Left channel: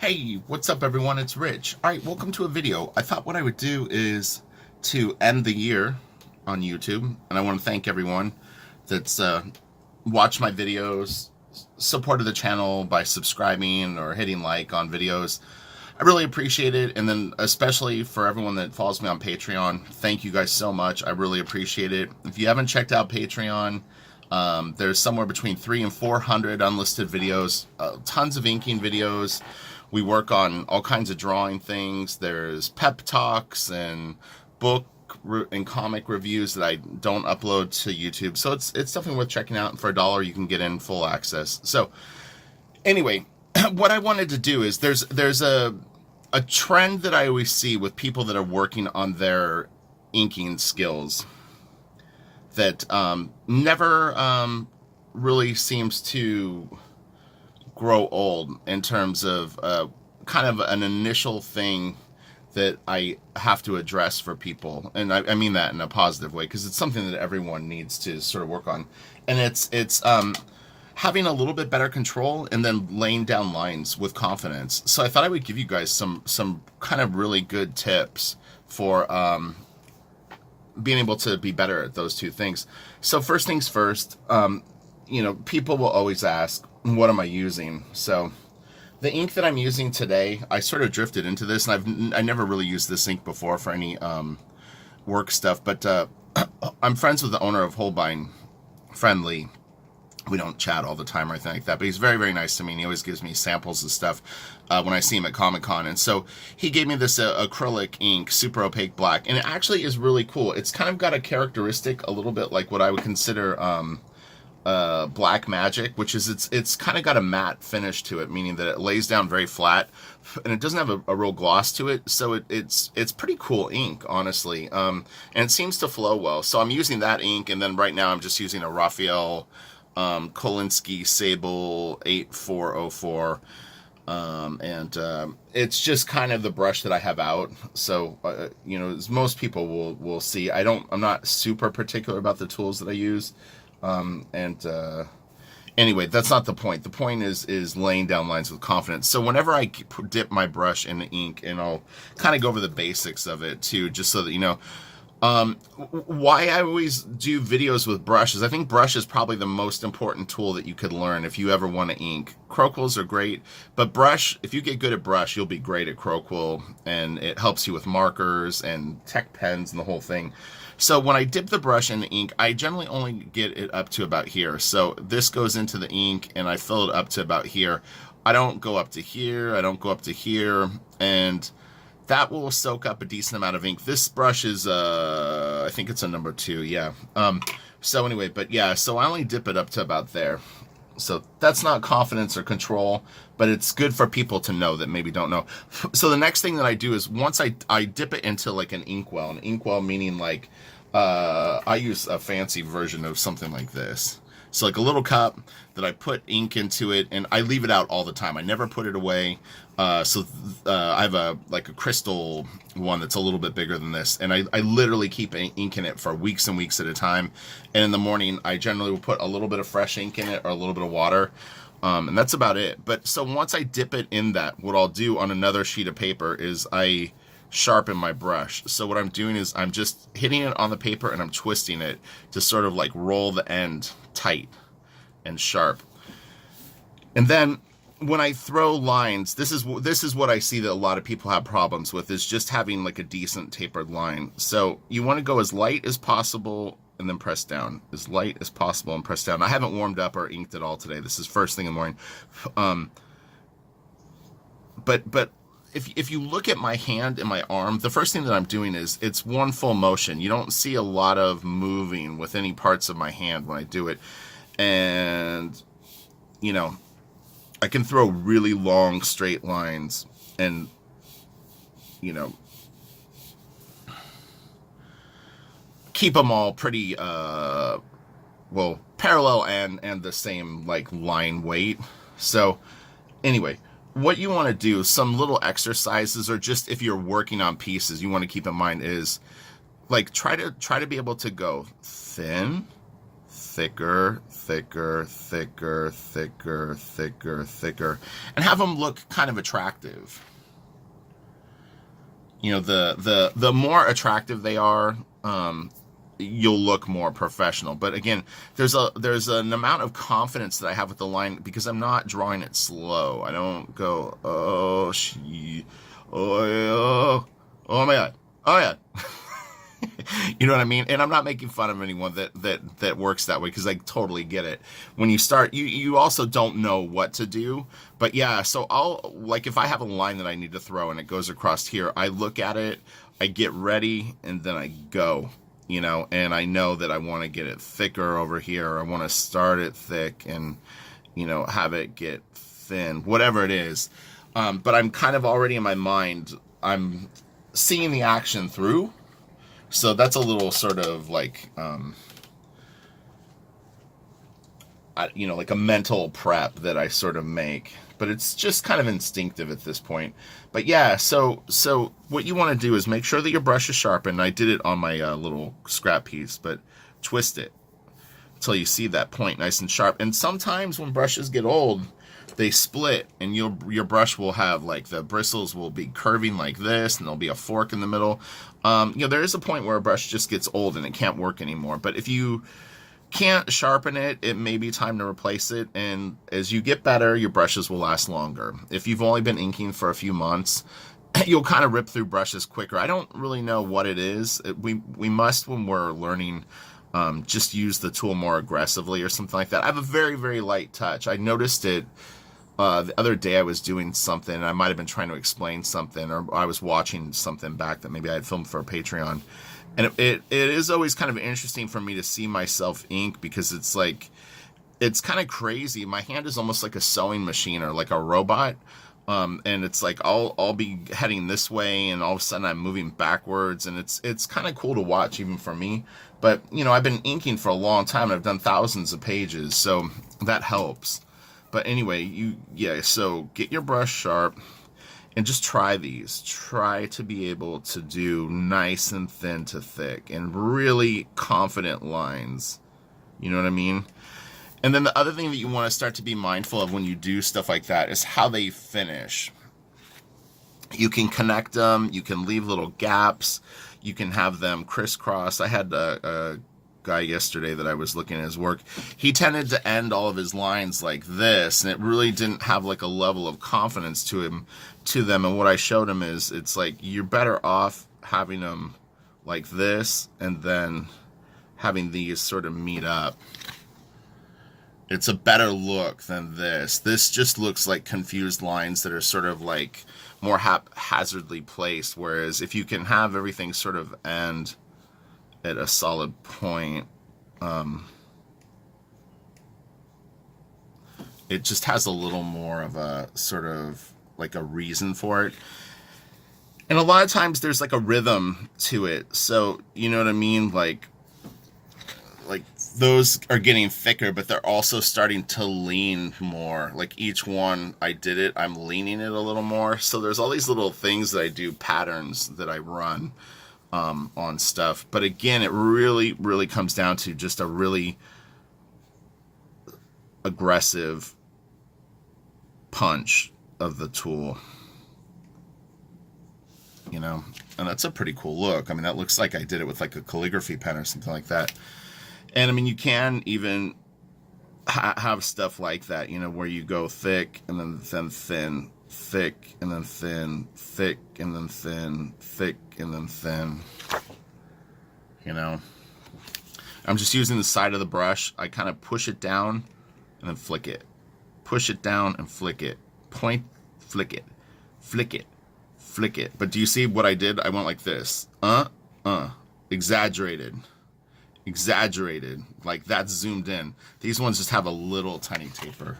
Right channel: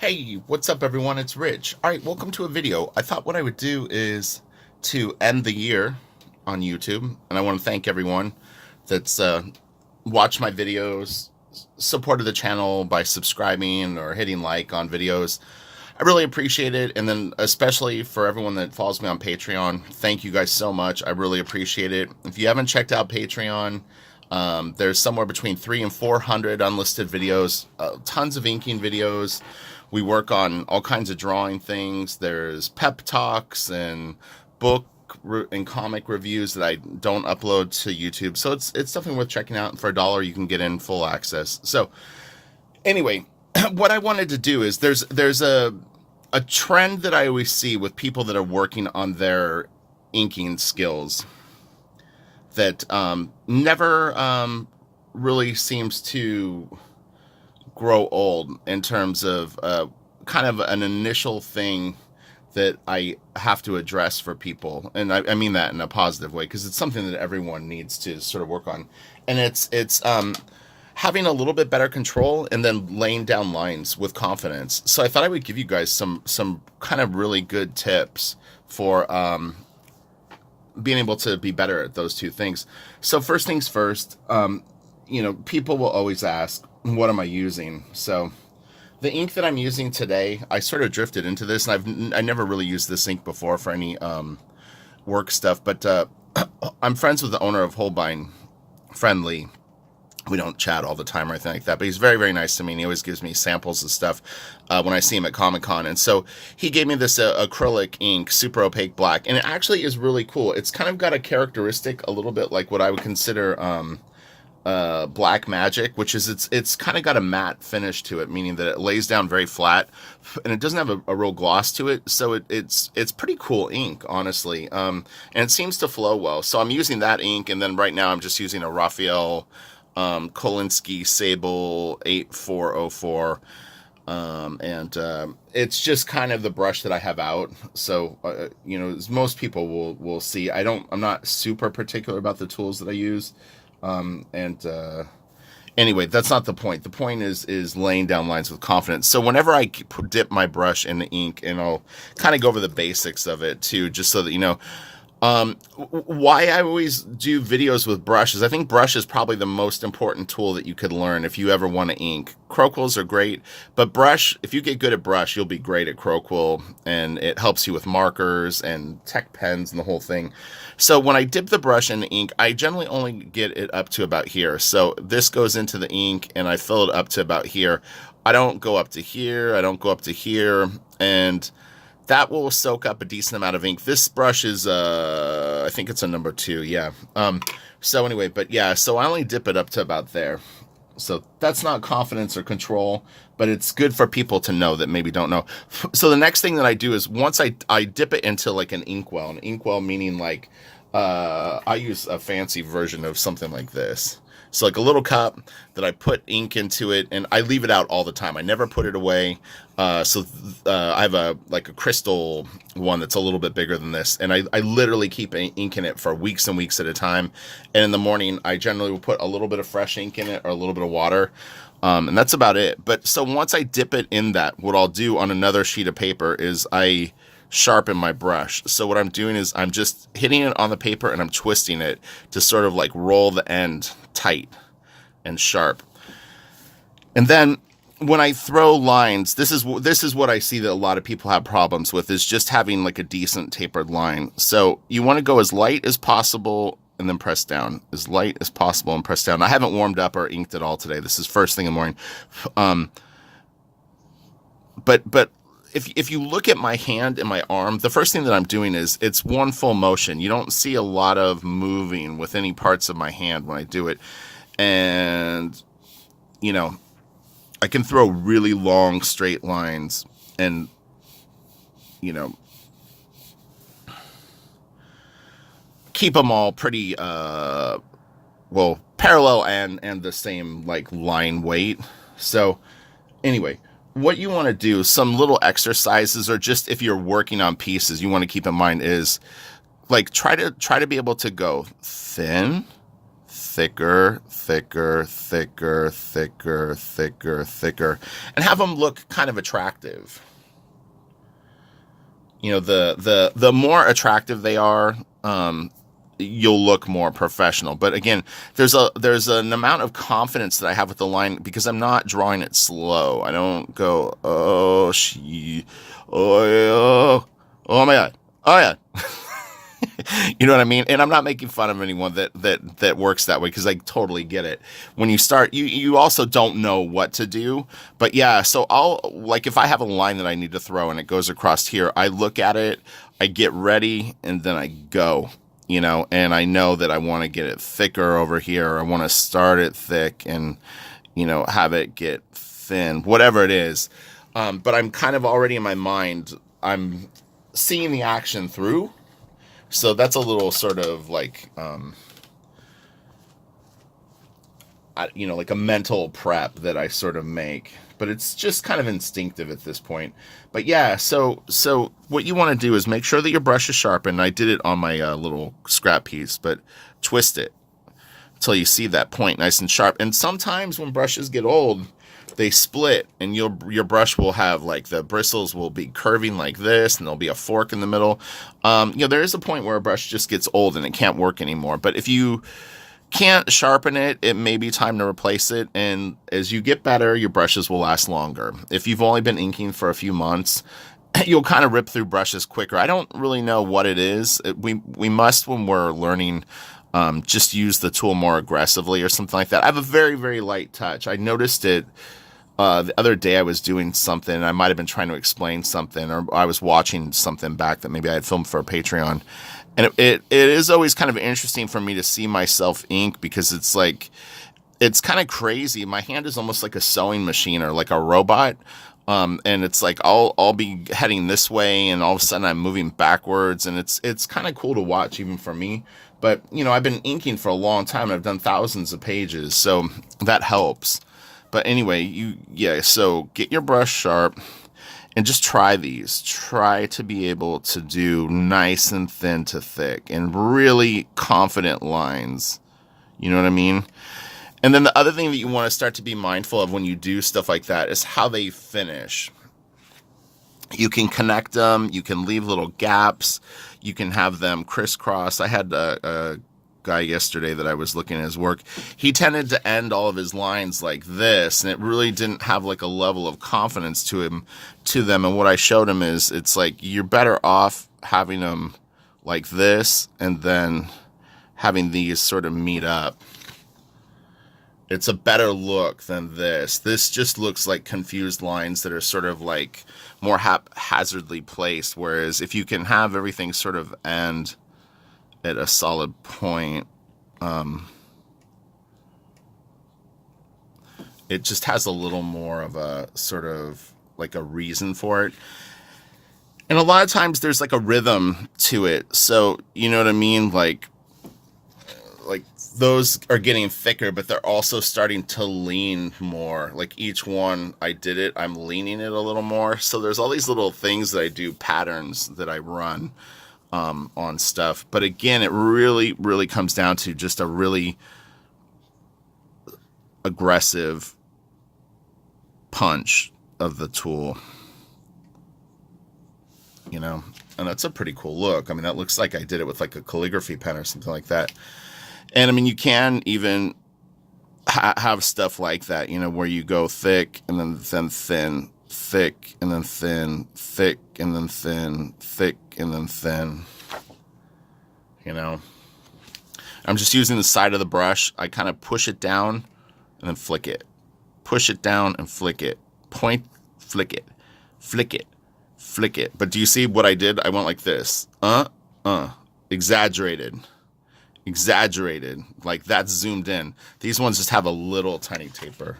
Hey, what's up everyone? It's Rich. Alright, welcome to a video. I thought what I would do is to end the year on YouTube, and I want to thank everyone that's watched my videos, supported the channel by subscribing or hitting like on videos. I really appreciate it, and then especially for everyone that follows me on Patreon, thank you guys so much. I really appreciate it. If you haven't checked out Patreon, there's somewhere between 300 and 400 unlisted videos, tons of inking videos. We work on all kinds of drawing things. There's pep talks and book and comic reviews that I don't upload to YouTube. So it's definitely worth checking out. For $1, you can get in full access. So anyway, what I wanted to do is there's a trend that I always see with people that are working on their inking skills that never really seems to grow old in terms of kind of an initial thing that I have to address for people, and I mean that in a positive way because it's something that everyone needs to sort of work on, and it's having a little bit better control and then laying down lines with confidence. So I thought I would give you guys some kind of really good tips for being able to be better at those two things. So first things first, people will always ask, what am I using? So the ink that I'm using today, I sort of drifted into this, and I never really used this ink before for any work stuff, but I'm friends with the owner of Holbein, Friendly. We don't chat all the time or anything like that, but he's very, very nice to me, and he always gives me samples of stuff when I see him at Comic-Con. And so he gave me this acrylic ink, super opaque black, and it actually is really cool. It's kind of got a characteristic a little bit like what I would consider black magic, which is it's kind of got a matte finish to it, meaning that it lays down very flat, and it doesn't have a real gloss to it. So it's pretty cool ink, honestly, and it seems to flow well. So I'm using that ink, and then right now I'm just using a Raphael Kolinsky Sable 8404, and it's just kind of the brush that I have out. So as most people will see, I'm not super particular about the tools that I use. Anyway, that's not the point. The point is laying down lines with confidence. So whenever I dip my brush in the ink, and I'll kind of go over the basics of it too, just so that you know, why I always do videos with brushes. I think brush is probably the most important tool that you could learn if you ever want to ink. Crowquills are great, but brush, if you get good at brush, you'll be great at Crowquill, and it helps you with markers and tech pens and the whole thing. So when I dip the brush in the ink, I generally only get it up to about here. So this goes into the ink, and I fill it up to about here. I don't go up to here, I don't go up to here, and that will soak up a decent amount of ink. This brush is, I think it's a number 2, yeah. So anyway, but yeah, so I only dip it up to about there. So that's not confidence or control, but it's good for people to know that maybe don't know. So the next thing that I do is once I dip it into like an inkwell meaning like, I use a fancy version of something like this. So like a little cup that I put ink into it, and I leave it out all the time. I never put it away. I have a crystal one that's a little bit bigger than this, and I literally keep ink in it for weeks and weeks at a time. And in the morning, I generally will put a little bit of fresh ink in it or a little bit of water, and that's about it. But so once I dip it in that, what I'll do on another sheet of paper is I sharpen my brush. So what I'm doing is I'm just hitting it on the paper, and I'm twisting it to sort of like roll the end tight and sharp. And then when I throw lines, this is what I see that a lot of people have problems with, is just having like a decent tapered line. So you want to go as light as possible and then press down, as light as possible and press down. I haven't warmed up or inked at all today. This is first thing in the morning. But if you look at my hand and my arm, the first thing that I'm doing is it's one full motion. You don't see a lot of moving with any parts of my hand when I do it. And, I can throw really long straight lines and, keep them all pretty, parallel and the same like line weight. So anyway, what you want to do, some little exercises, or just if you're working on pieces, you want to keep in mind is like try to be able to go thin, thicker, thicker, thicker, thicker, thicker, thicker, and have them look kind of attractive. You know, the more attractive they are, you'll look more professional. But again, there's an amount of confidence that I have with the line because I'm not drawing it slow. I don't go, oh she, oh yeah, oh my god, oh yeah. You know what I mean? And I'm not making fun of anyone that works that way because I totally get it. When you start, you also don't know what to do. But yeah, so I'll, like, if I have a line that I need to throw and it goes across here, I look at it, I get ready, and then I go, you know, and I know that I want to get it thicker over here. I want to start it thick and, you know, have it get thin, whatever it is. But I'm kind of already in my mind, I'm seeing the action through. So that's a little sort of like, you know, like a mental prep that I sort of make, but it's just kind of instinctive at this point. But yeah, so what you want to do is make sure that your brush is sharpened. I did it on my little scrap piece, but twist it until you see that point nice and sharp. And sometimes when brushes get old, they split, and your brush will have, like, the bristles will be curving like this, and there'll be a fork in the middle. You know, there is a point where a brush just gets old and it can't work anymore. But if you can't sharpen it, it may be time to replace it. And as you get better, your brushes will last longer. If you've only been inking for a few months, you'll kind of rip through brushes quicker. I don't really know what it is. We must, when we're learning, just use the tool more aggressively or something like that. I have a very, very light touch. I noticed it the other day. I was doing something. I might have been trying to explain something, or I was watching something back that maybe I had filmed for a Patreon. And it is always kind of interesting for me to see myself ink, because it's like, it's kind of crazy. My hand is almost like a sewing machine or like a robot. And it's like I'll be heading this way, and all of a sudden I'm moving backwards, and it's kind of cool to watch even for me. But you know, I've been inking for a long time. I've done thousands of pages, so that helps. But anyway, so get your brush sharp and just try these. Try to be able to do nice and thin to thick and really confident lines. You know what I mean? And then the other thing that you want to start to be mindful of when you do stuff like that is how they finish. You can connect them, you can leave little gaps, you can have them crisscross. I had a guy yesterday that I was looking at his work. He tended to end all of his lines like this, and it really didn't have like a level of confidence to them. And what I showed him is, it's like, you're better off having them like this and then having these sort of meet up. It's a better look than this. This just looks like confused lines that are sort of like more haphazardly placed. Whereas if you can have everything sort of end at a solid point, it just has a little more of a sort of like a reason for it. And a lot of times there's like a rhythm to it. So, you know what I mean? Like those are getting thicker, but they're also starting to lean more. Like each one I did it, I'm leaning it a little more. So there's all these little things that I do, patterns that I run on stuff. But again, it really, really comes down to just a really aggressive punch of the tool, you know. And that's a pretty cool look. I mean, that looks like I did it with like a calligraphy pen or something like that. And I mean, you can even have stuff like that, you know, where you go thick and then thin, thick and then thin, thick and then thin, thick and then thin. You know, I'm just using the side of the brush. I kind of push it down and then flick it. Push it down and flick it. Point, flick it. Flick it. Flick it. But do you see what I did? I went like this. Exaggerated. Exaggerated. Like that's zoomed in. These ones just have a little tiny taper.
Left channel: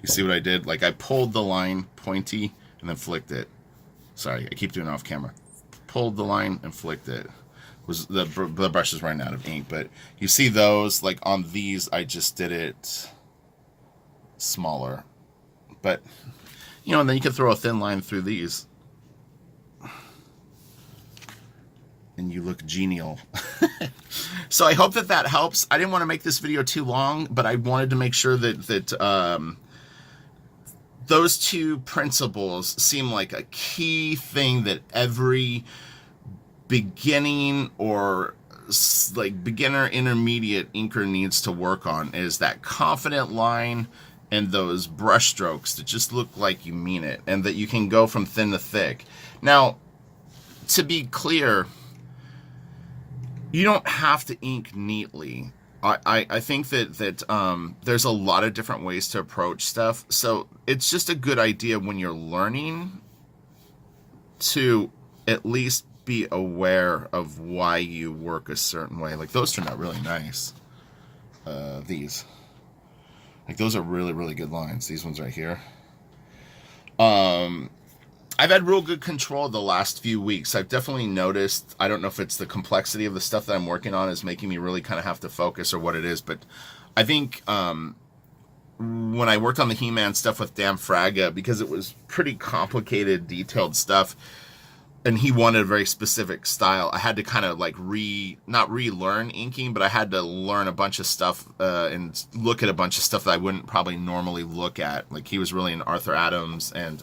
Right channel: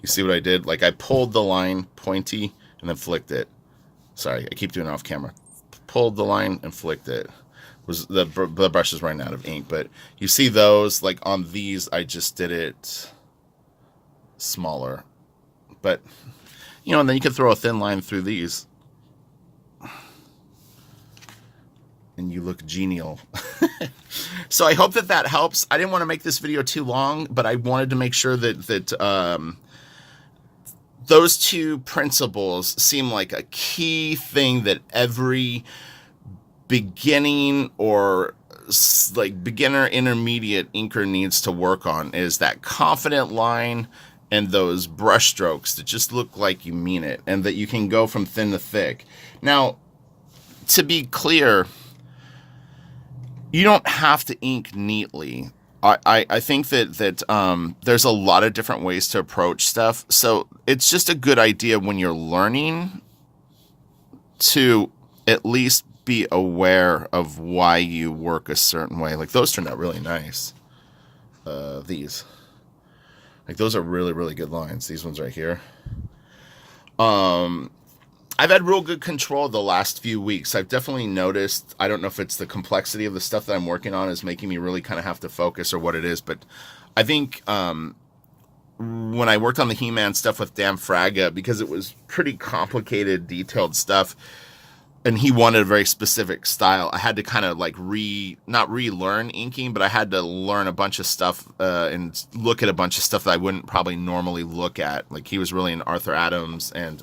You see what I did? Like I pulled the line pointy and then flicked it. Sorry, I keep doing it off camera. Pulled the line and flicked it. Was the brush is running out of ink, but you see those, like on these I just did it smaller. But you know, and then you can throw a thin line through these. and you look genial. So I hope that that helps. I didn't want to make this video too long, but I wanted to make sure that those two principles seem like a key thing that every beginning or like beginner intermediate inker needs to work on, is that confident line and those brush strokes that just look like you mean it, and that you can go from thin to thick. Now, to be clear, you don't have to ink neatly. I think that there's a lot of different ways to approach stuff. So it's just a good idea when you're learning to at least be aware of why you work a certain way. Like those turned out really nice. These. Like those are really, really good lines. These ones right here. I've had real good control the last few weeks. I've definitely noticed, I don't know if it's the complexity of the stuff that I'm working on is making me really kind of have to focus or what it is, but I think when I worked on the He-Man stuff with Dan Fraga, because it was pretty complicated, detailed stuff, and he wanted a very specific style, I had to kind of like not relearn inking, but I had to learn a bunch of stuff and look at a bunch of stuff that I wouldn't probably normally look at. Like he was really into Arthur Adams and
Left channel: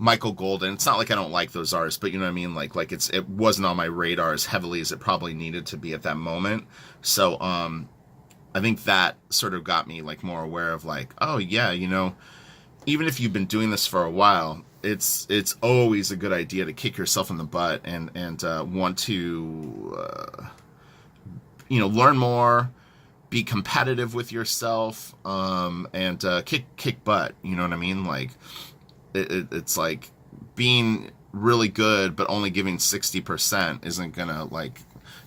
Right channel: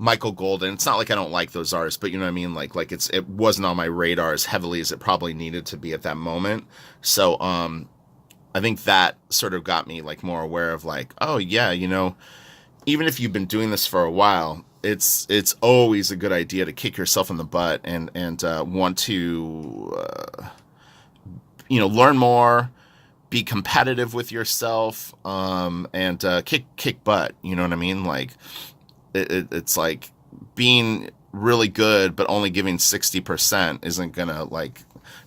Michael Golden. It's not like I don't like those artists, but you know what I mean? Like it wasn't on my radar as heavily as it probably needed to be at that moment. So I think that sort of got me like more aware of like, oh yeah, you know, even if you've been doing this for a while, it's always a good idea to kick yourself in the butt and want to you know, learn more, be competitive with yourself, and kick butt. You know what I mean? Like it's like being really good but only giving 60% isn't gonna like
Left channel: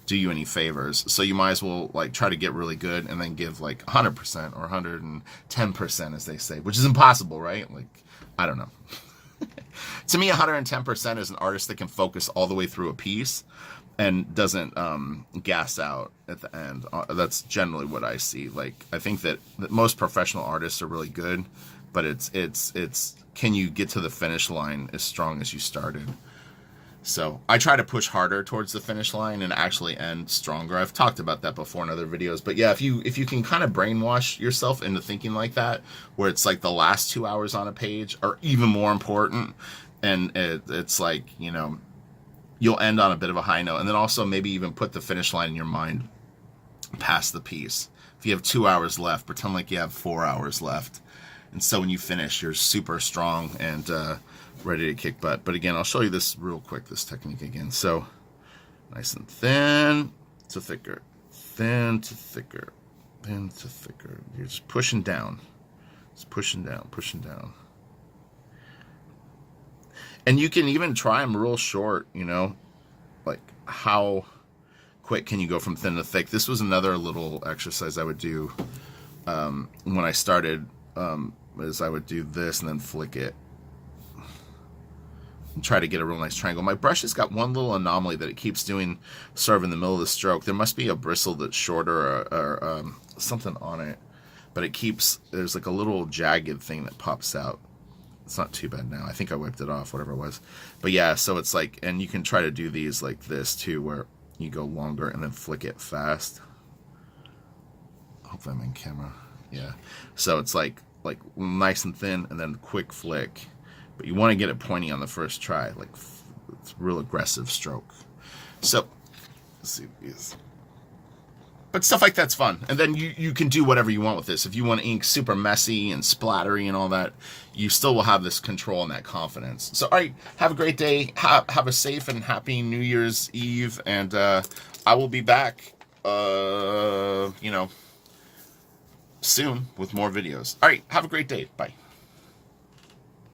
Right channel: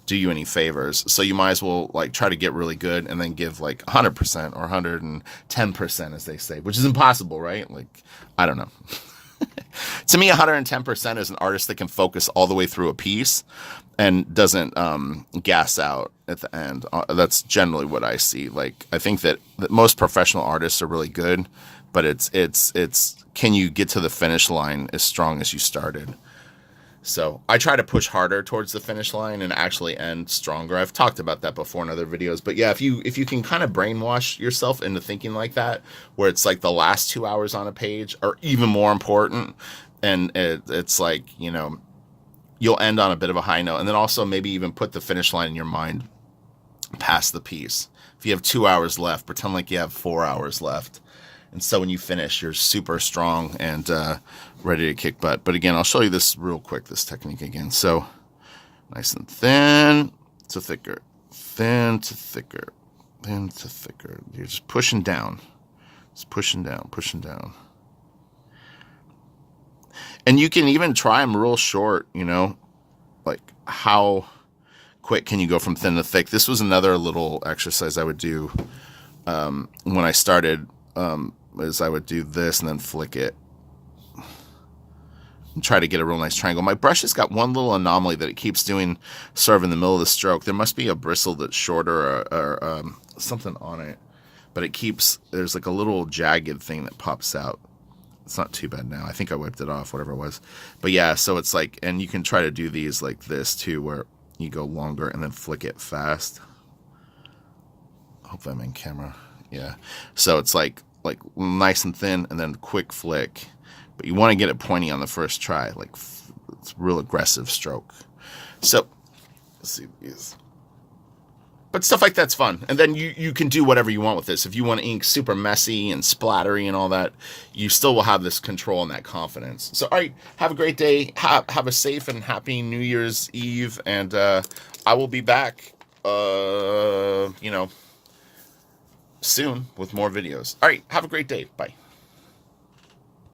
do you any favors. So you might as well like try to get really good and then give like 100% or 110%, as they say, which is impossible, right? Like I don't know. To me, 110% is an artist that can focus all the way through a piece and doesn't gas out at the end. That's generally what I see. Like I think that most professional artists are really good, but it's can you get to the finish line as strong as you started? So I try to push harder towards the finish line and actually end stronger. I've talked about that before in other videos, but yeah, if you can kind of brainwash yourself into thinking like that, where it's like the last 2 hours on a page are even more important, and it's like, you know, you'll end on a bit of a high note, and then also maybe even put the finish line in your mind past the piece. If you have 2 hours left, pretend like you have 4 hours left. And so when you finish, you're super strong and ready to kick butt. But again, I'll show you this real quick, this technique again. So nice and thin to thicker, thin to thicker, thin to thicker. You're just pushing down. Just pushing down, pushing down. And you can even try them real short, you know, like how quick can you go from thin to thick? This was another little exercise I would do when I started. Is I would do this and then flick it and try to get a real nice triangle. My brush has got one little anomaly that it keeps doing sort of in the middle of the stroke. There must be a bristle that's shorter or something on it, but it keeps, there's like a little jagged thing that pops out. It's not too bad now. I think I wiped it off, whatever it was. But yeah, so it's like, and you can try to do these like this too, where you go longer and then flick it fast. Hope I'm in camera. Yeah. So it's like nice and thin and then quick flick, but you want to get it pointy on the first try. Like it's real aggressive stroke. So let's see these. But stuff like that's fun. And then you can do whatever you want with this. If you want to ink super messy and splattery and all that, you still will have this control and that confidence. So all right, have a great day. Have a safe and happy New Year's Eve, and I will be back you know, soon with more videos. All right, have a great day. Bye.